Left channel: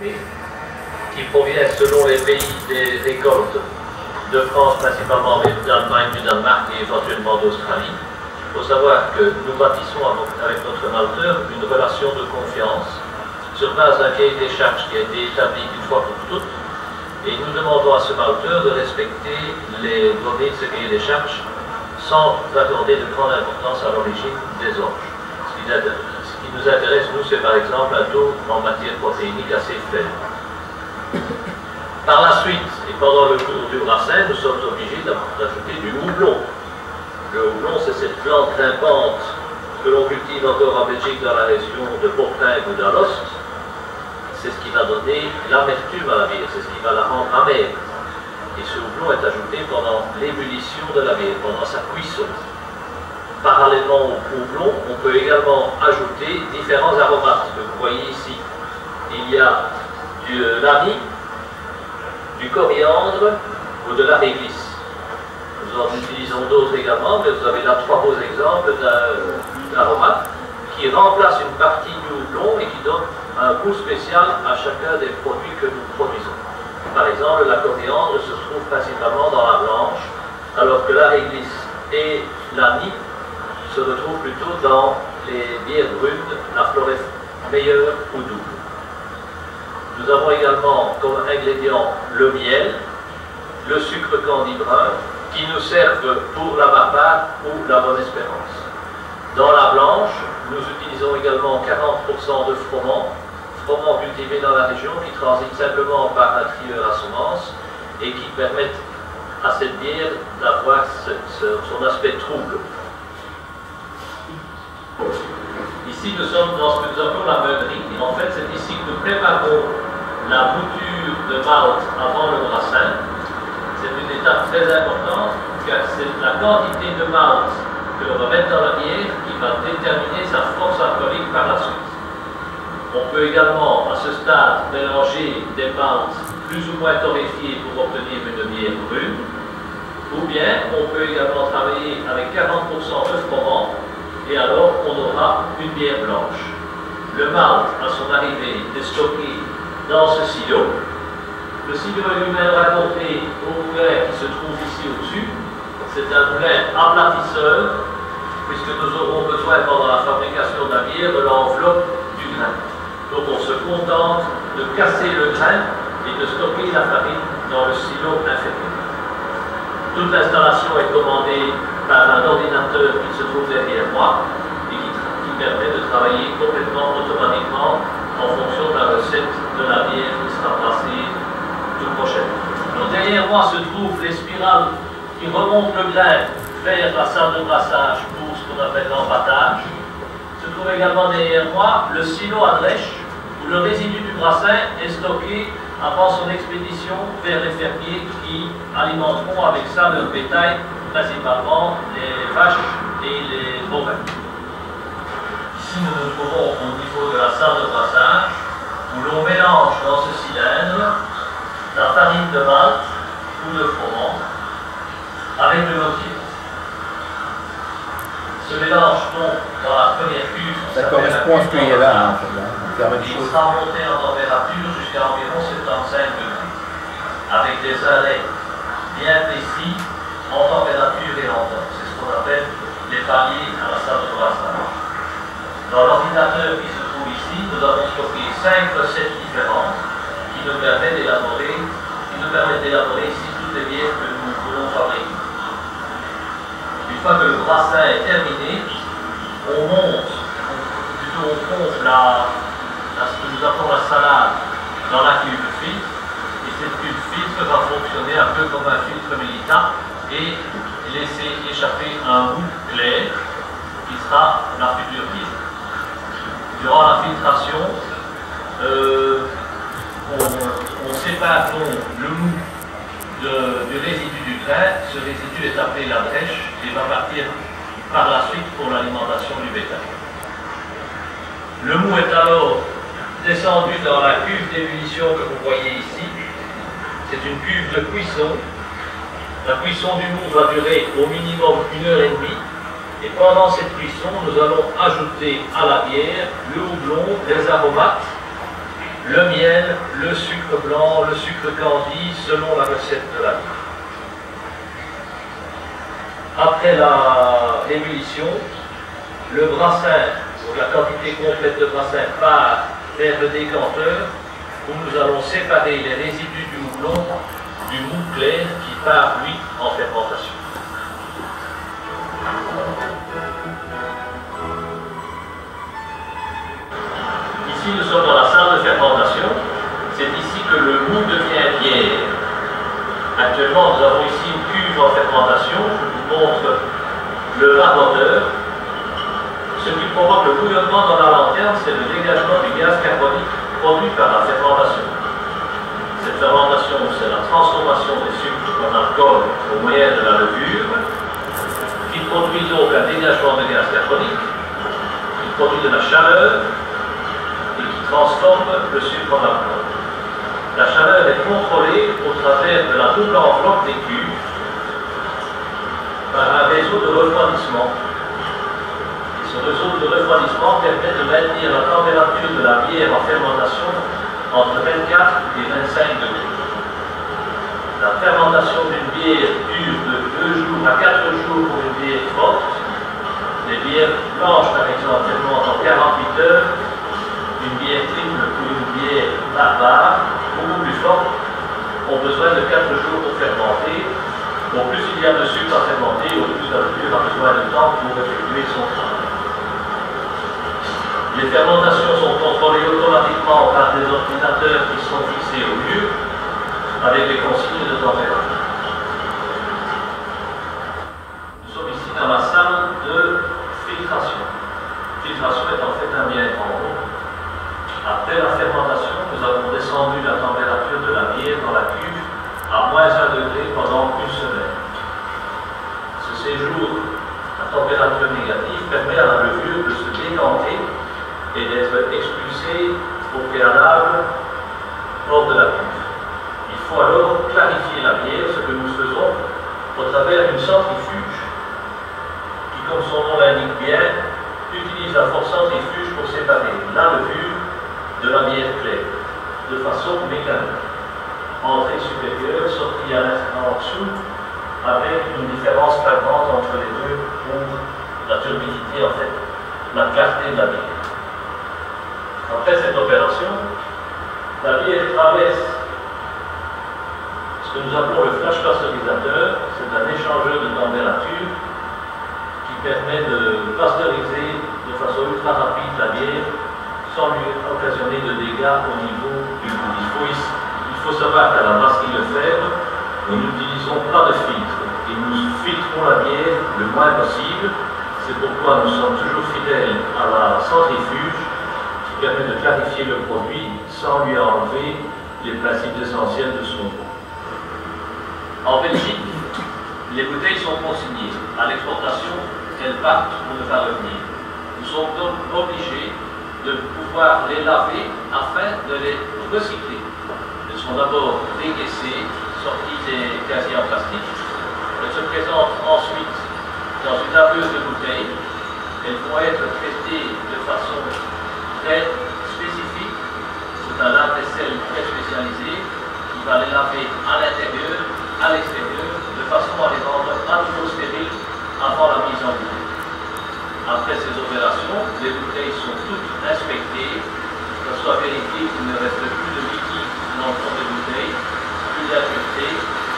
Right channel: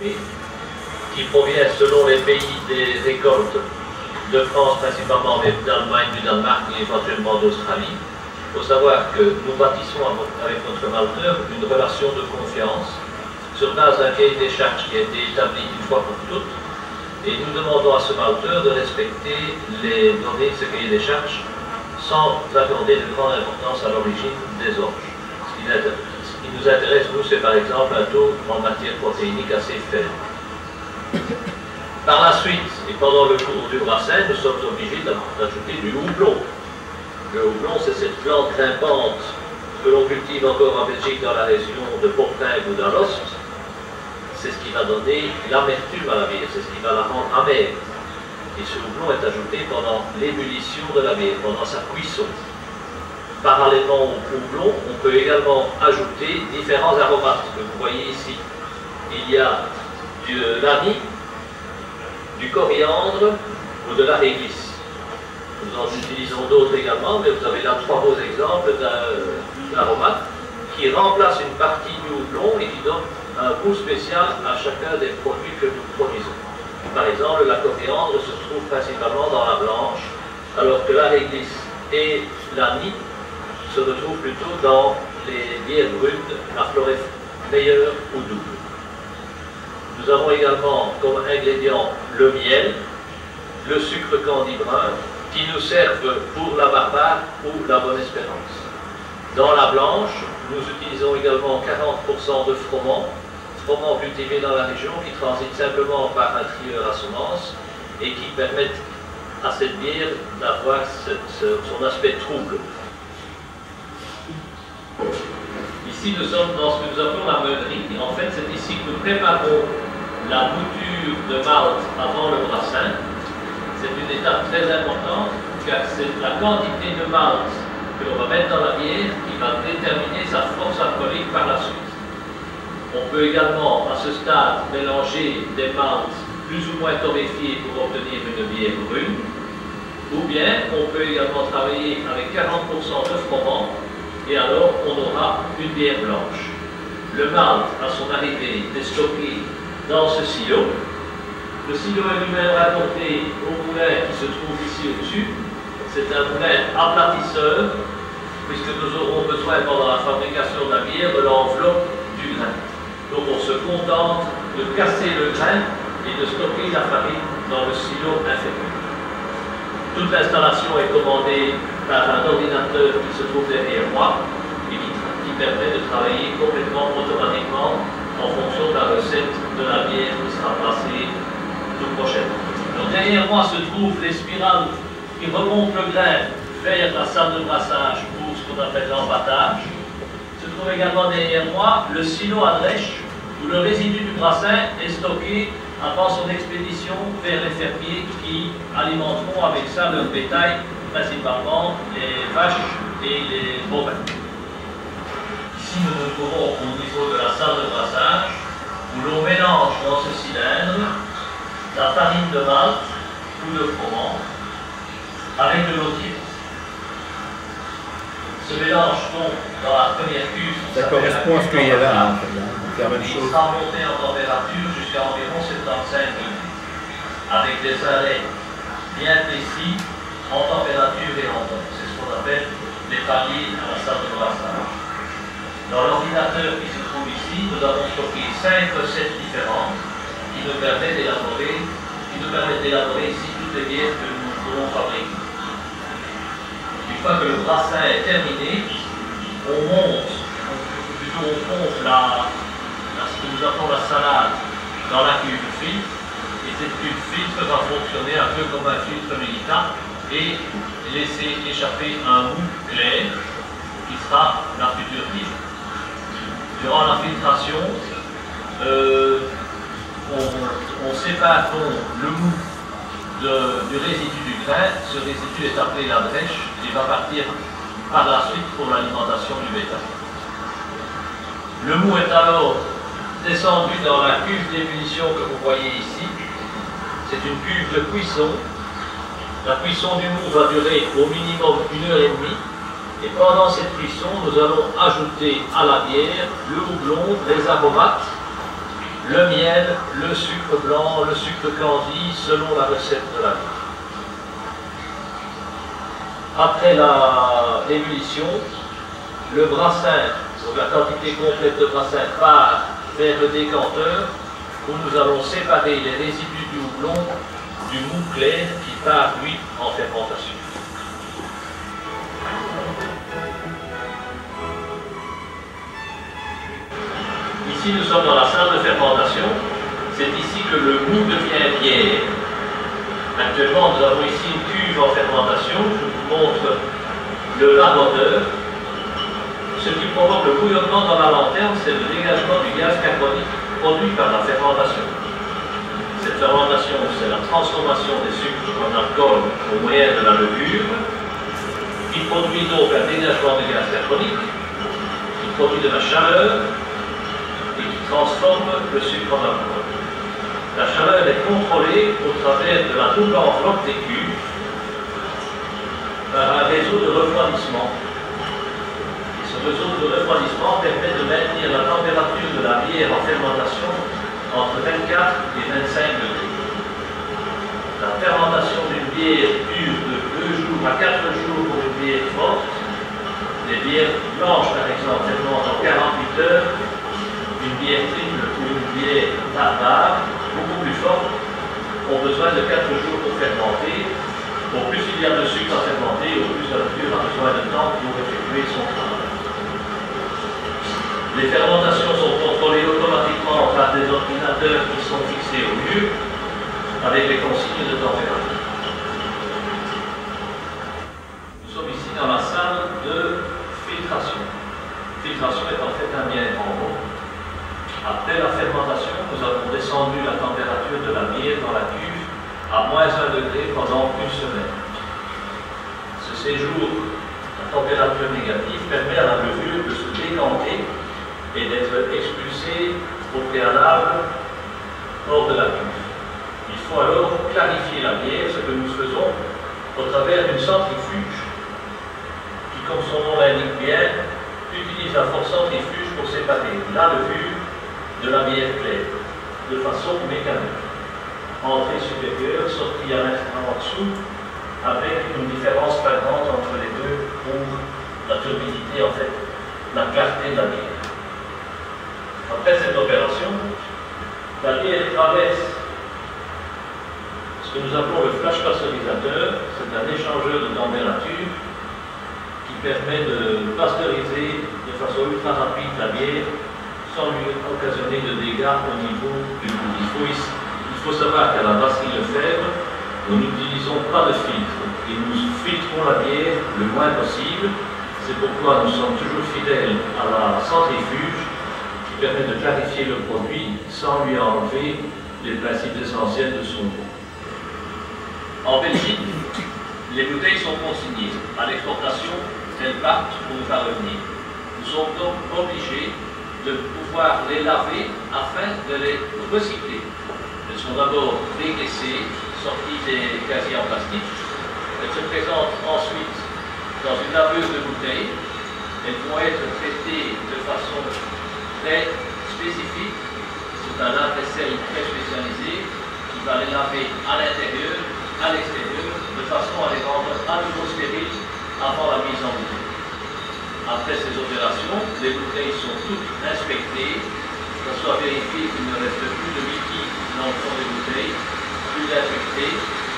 qui proviennent selon les pays des récoltes de France principalement, mais d'Allemagne, du Danemark et éventuellement d'Australie. Il faut savoir que nous bâtissons avec notre malteur une relation de confiance sur base d'un cahier des charges qui a été établi une fois pour toutes, et nous demandons à ce malteur de respecter les données de ce cahier des charges sans accorder de grande importance à l'origine des orges. Ce qui nous intéresse, nous, c'est par exemple un taux en matière protéinique assez faible. Par la suite, et pendant le cours du brassin, nous sommes obligés d'ajouter du houblon. Le houblon, c'est cette plante grimpante que l'on cultive encore en Belgique dans la région de Portingue ou d'Alost. C'est ce qui va donner l'amertume à la bière, c'est ce qui va la rendre amère. Et ce houblon est ajouté pendant l'ébullition de la bière, pendant sa cuisson. Parallèlement au houblon, on peut également ajouter différents aromates que vous voyez ici. Il y a de l'anis, du coriandre ou de la réglisse. Nous en utilisons d'autres également, mais vous avez là 3 beaux exemples d'aromates qui remplacent une partie du houblon et qui donnent un goût spécial à chacun des produits que nous produisons. Par exemple, la coriandre se trouve principalement dans la blanche, alors que la réglisse et l'anis se retrouvent plutôt dans les bières brunes, la florette meilleure ou double. Nous avons également comme ingrédient le miel, le sucre candi brun, qui nous servent pour la barbare ou la bonne espérance. Dans la blanche, nous utilisons également 40% de froment cultivé dans la région, qui transite simplement par un trieur à semence et qui permettent à cette bière d'avoir son aspect trouble. Ici, nous sommes dans ce que nous appelons la meunerie. En fait, c'est ici que nous préparons la bouture de malt avant le brassin. C'est une étape très importante, car c'est la quantité de malt que l'on va mettre dans la bière qui va déterminer sa force alcoolique par la suite. On peut également, à ce stade, mélanger des maltes plus ou moins torréfiés pour obtenir une bière brune, ou bien on peut également travailler avec 40% de froment, et alors on aura une bière blanche. Le malt, à son arrivée, est stocké dans ce silo. Le silo est lui-même rapporté au moulin qui se trouve ici au-dessus. C'est un moulin aplatisseur, puisque nous aurons besoin pendant la fabrication de la bière de l'enveloppe du grain. Donc on se contente de casser le grain et de stocker la farine dans le silo inférieur. Toute l'installation est commandée par un ordinateur qui se trouve derrière moi et qui permet de travailler complètement automatiquement en fonction de la recette de la bière qui sera passée toute prochaine. Donc derrière moi se trouvent les spirales qui remontent le grain vers la salle de brassage pour ce qu'on appelle l'empâtage. Se trouve également derrière moi le silo à drèche où le résidu du brassin est stocké avant son expédition vers les fermiers qui alimenteront avec ça leur bétail, principalement les vaches et les bovins. Ici nous nous trouvons au niveau de la salle de brassage où l'on mélange dans ce cylindre la farine de malt ou de froment avec de l'eau tiède. Ce mélange tombe dans la première cuve. Ça correspond à ce qu'il y a là, Il sera monté en température jusqu'à environ 75 degrés, avec des arrêts bien précis en température et en temps. C'est ce qu'on appelle les paliers à la salle de brassage. Dans l'ordinateur qui se trouve ici, nous avons stocké 5 recettes différentes qui nous permettent d'élaborer ici toutes les bières que nous voulons fabriquer. Une fois que le brassin est terminé, on monte, plutôt on pompe ce que nous appelons la salade dans la cuve filtre, et cette cuve filtre va fonctionner un peu comme un filtre médical et laisser échapper un goût clair qui sera la future bière. Durant la filtration, on sépare donc le mou du résidu du grain. Ce résidu est appelé la drèche et va partir par la suite pour l'alimentation du bétail. Le mou est alors descendu dans la cuve d'ébullition que vous voyez ici. C'est une cuve de cuisson. La cuisson du mou va durer au minimum 1h30. Et pendant cette cuisson, nous allons ajouter à la bière le houblon, les aromates, le miel, le sucre blanc, le sucre candi, selon la recette de la vie. Après la ébullition, le brassin, donc la quantité complète de brassin, part vers le décanteur où nous allons séparer les résidus du houblon du mou clair qui part, lui, en fermentation. Ici, nous sommes dans la salle de fermentation. C'est ici que le mou devient bière. Actuellement, nous avons ici une cuve en fermentation. Je vous montre le vapoteur. Ce qui provoque le bouillonnement dans la lanterne, c'est le dégagement du gaz carbonique produit par la fermentation. Cette fermentation, c'est la transformation des sucres en alcool au moyen de la levure, qui produit donc un dégagement de gaz carbonique, qui produit de la chaleur et qui transforme le sucre en alcool. La chaleur est contrôlée au travers de la double enveloppe des cuves par un réseau de refroidissement. Ce réseau de refroidissement permet de maintenir la température de la bière en fermentation entre 24 et 25 degrés. La fermentation d'une bière dure de 2 jours à 4 jours pour une bière forte. Les bières blanches, par exemple, fermentent en 48 heures. Une bière triple ou une bière barbare, beaucoup plus forte, ont besoin de 4 jours pour fermenter. Au plus il y a de sucre à fermenter, au plus la levure a besoin de temps pour effectuer son travail. Les fermentations sont contrôlées automatiquement par des ordinateurs qui sont fixés au mur avec les consignes de température. Nous sommes ici dans la salle de filtration. La filtration est en fait un bien grand mot. Après la fermentation, nous avons descendu la température de la bière dans la cuve à -1 degré pendant une semaine. Ce séjour à température négative permet à la levure de se décanter et d'être expulsée au préalable hors de la cuve. Il faut alors clarifier la bière, ce que nous faisons au travers d'une centrifuge qui, comme son nom l'indique bien, utilise la force centrifuge pour séparer la levure de la bière claire, de façon mécanique. Entrée supérieure, sortie en dessous, avec une différence flagrante entre les deux pour la turbidité, en fait, la clarté de la bière. Après cette opération, la bière traverse ce que nous appelons le flash pasteurisateur. C'est un échangeur de température qui permet de pasteuriser de façon ultra rapide la bière sans lui occasionner de dégâts au niveau du goût. Il faut savoir qu'à la brasserie Lefebvre, nous n'utilisons pas de filtre et nous filtrons la bière le moins possible. C'est pourquoi nous sommes toujours fidèles à la centrifuge qui permet de clarifier le produit sans lui enlever les principes essentiels de son goût. En Belgique, les bouteilles sont consignées. À l'exportation, elles partent pour ne pas revenir. Nous sommes donc obligés de pouvoir les laver afin de les recycler. Elles sont d'abord dégraissées, sorties des casiers en plastique. Elles se présentent ensuite dans une laveuse de bouteilles. Elles vont être traitées de façon très spécifique. C'est un lave-vaisselle très spécialisé qui va les laver à l'intérieur, à l'extérieur, de façon à les rendre à nouveau stériles avant la mise en bouteille. Après ces opérations, les bouteilles sont toutes inspectées, que ce soit vérifié qu'il ne reste plus de liquide dans le fond des bouteilles, plus d'impuretés,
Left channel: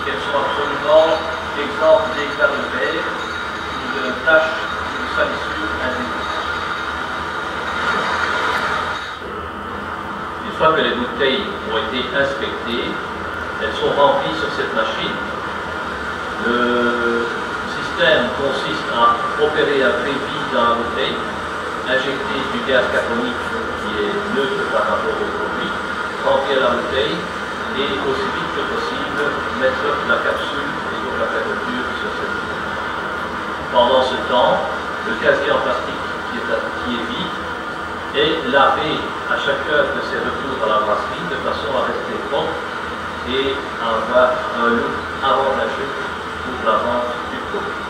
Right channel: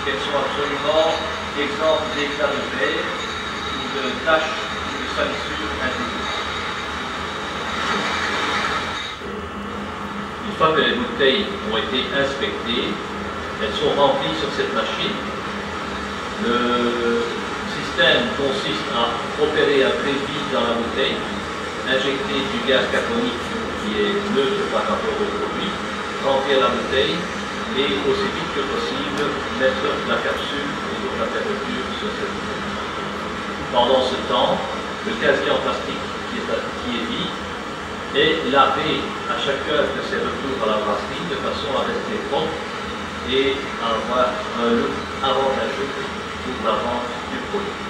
qu'elles sont absolument exemptes d'éclats de verre ou de taches ou de salissures individuelles. Une fois que les bouteilles ont été inspectées, elles sont remplies sur cette machine. Le système consiste à opérer un trépied dans la bouteille, injecter du gaz carbonique qui est neutre par rapport au produit, remplir la bouteille et aussi vite que possible mettre la capsule et donc la fermeture sur cette bouteille. Pendant ce temps, le casier en plastique qui est vide est lavé à chacun de ses retours à la brasserie de façon à rester propre et à avoir un look avantageux pour la vente du produit.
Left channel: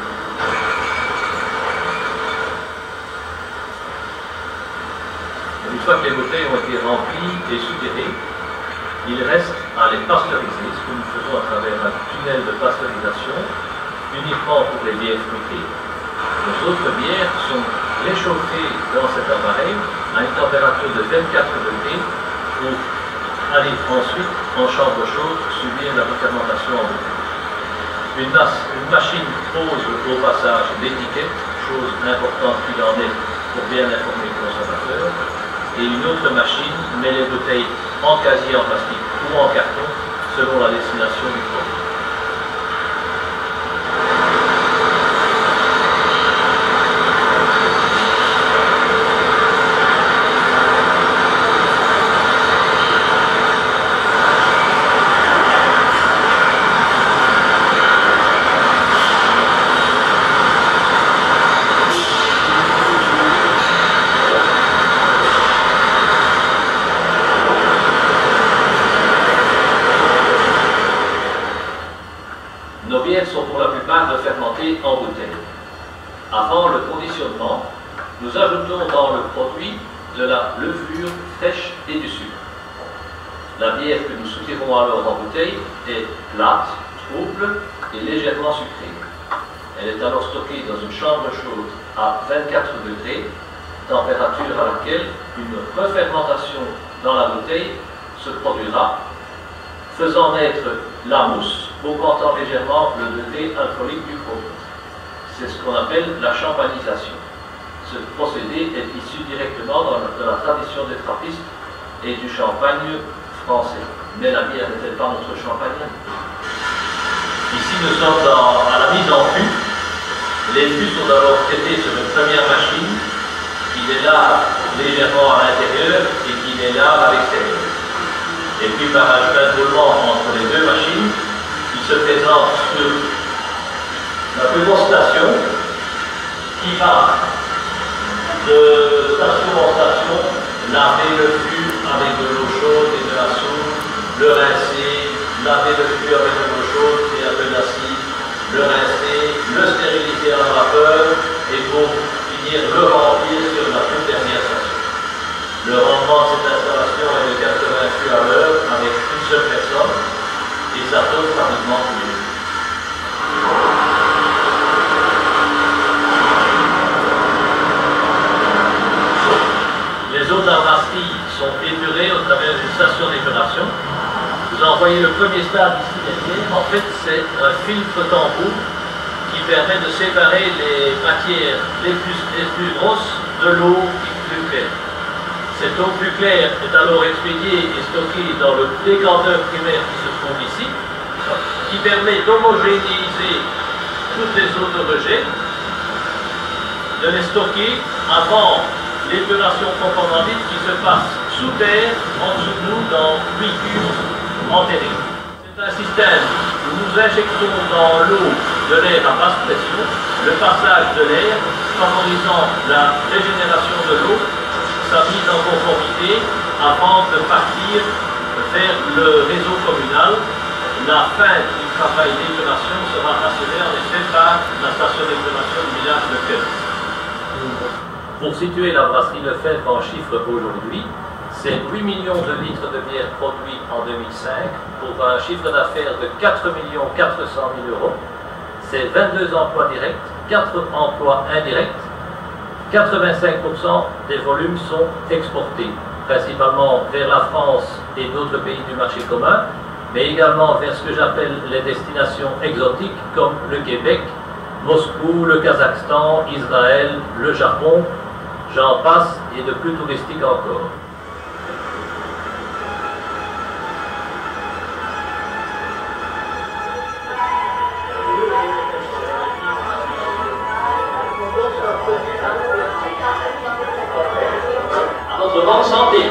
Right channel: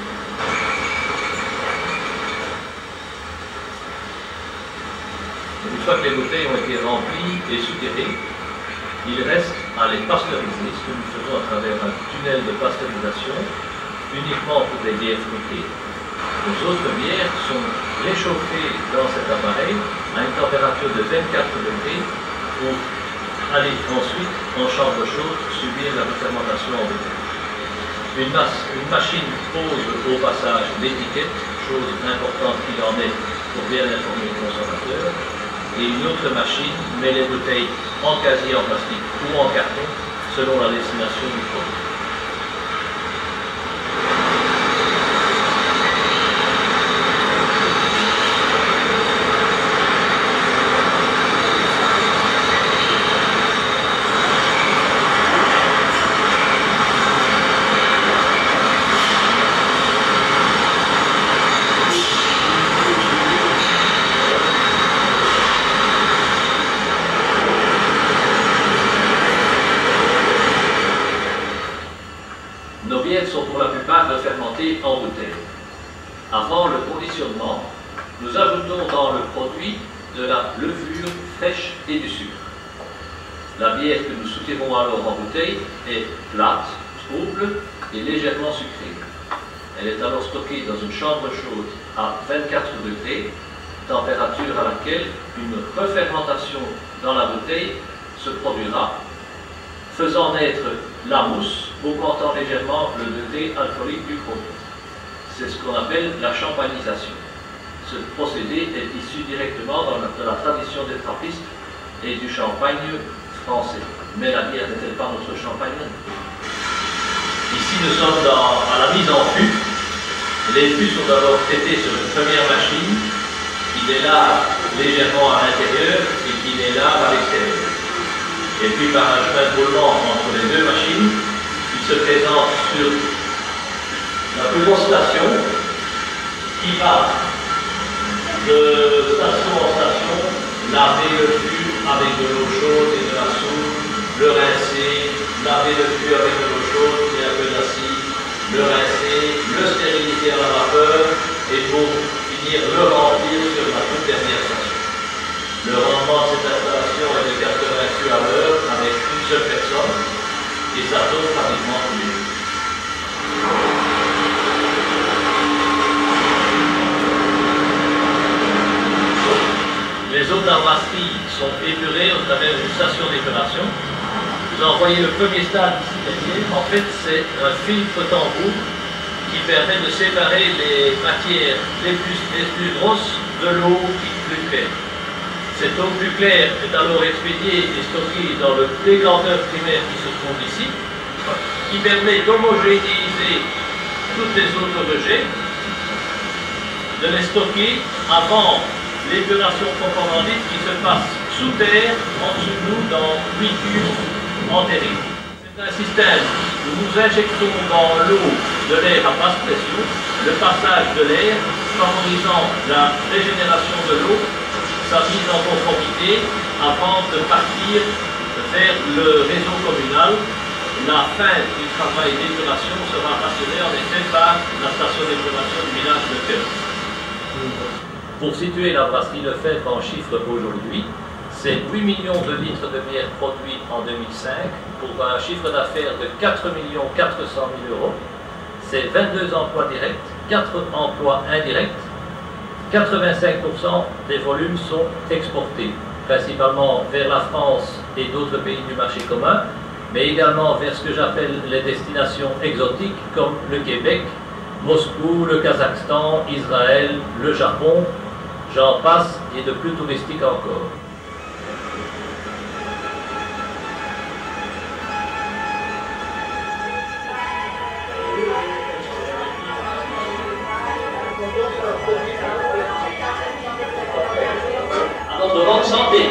Nous fois que les bouteilles ont été remplies et soutirées, il reste à les pasteuriser, ce que nous faisons à travers un tunnel de pasteurisation, uniquement pour les bières fruitées. Les autres bières sont réchauffées dans cet appareil à une température de 24 degrés pour aller ensuite en chambre chaude subir la fermentation en bouteille. Une machine pose au passage l'étiquette, chose importante qu'il en est pour bien informer le consommateur, et une autre machine met les bouteilles en casier en plastique ou en carton selon la destination du produit. Nos bières sont pour la plupart refermentées en bouteille. Avant le conditionnement, nous ajoutons dans le produit de la levure fraîche et du sucre. La bière que nous soutirons alors en bouteille est plate, trouble et légèrement sucrée. Elle est alors stockée dans une chambre chaude à 24 degrés, température à laquelle une refermentation dans la bouteille se produira, faisant naître la mousse, augmentant légèrement le degré alcoolique du produit. C'est ce qu'on appelle la champagnisation. Ce procédé est issu directement de la tradition des trappistes et du champagne français. Mais la bière n'est-elle pas notre champagne? Ici, nous sommes à la mise en fût. Les fûts sont d'abord traités sur une première machine qui les lave légèrement à l'intérieur et qui les lave à l'extérieur. Et puis par un chemin de roulement entre les deux machines, il se présente sur la plus grosse station qui va de station en station laver le fût avec de l'eau chaude et de la soude, le rincer, laver le fût avec de l'eau chaude et un peu d'acide, le rincer, le stériliser à la vapeur et pour finir le remplir sur la toute dernière station. Le rendement de cette installation est de 80 fûts à l'heure avec une seule personne et ça tourne pratiquement tous les jours. Les eaux d'armasserie sont épurées au travers d'une station d'épuration. Vous en voyez le premier stade ici derrière. En fait, c'est un filtre tambour qui permet de séparer les matières les plus grosses de l'eau plus claire. Cette eau plus claire est alors expédiée et stockée dans le décanteur primaire qui se trouve ici, qui permet d'homogénéiser toutes les eaux de rejet, de les stocker avant l'épuration proprement dite qui se passe sous terre, en dessous de nous, dans 8 cubes enterrés. C'est un système où nous injectons dans l'eau de l'air à basse pression, le passage de l'air favorisant la régénération de l'eau, sa mise en conformité avant de partir vers le réseau communal. La fin du travail d'épuration sera assurée en effet par la station d'épuration du village de Queul. Pour situer la brasserie Lefebvre en chiffres aujourd'hui, c'est 8 millions de litres de bière produits en 2005 pour un chiffre d'affaires de 4 400 000 euros. C'est 22 emplois directs, 4 emplois indirects. 85% des volumes sont exportés, principalement vers la France et d'autres pays du marché commun, mais également vers ce que j'appelle les destinations exotiques comme le Québec, Moscou, le Kazakhstan, Israël, le Japon, j'en passe, et de plus touristique encore. À votre bonne santé.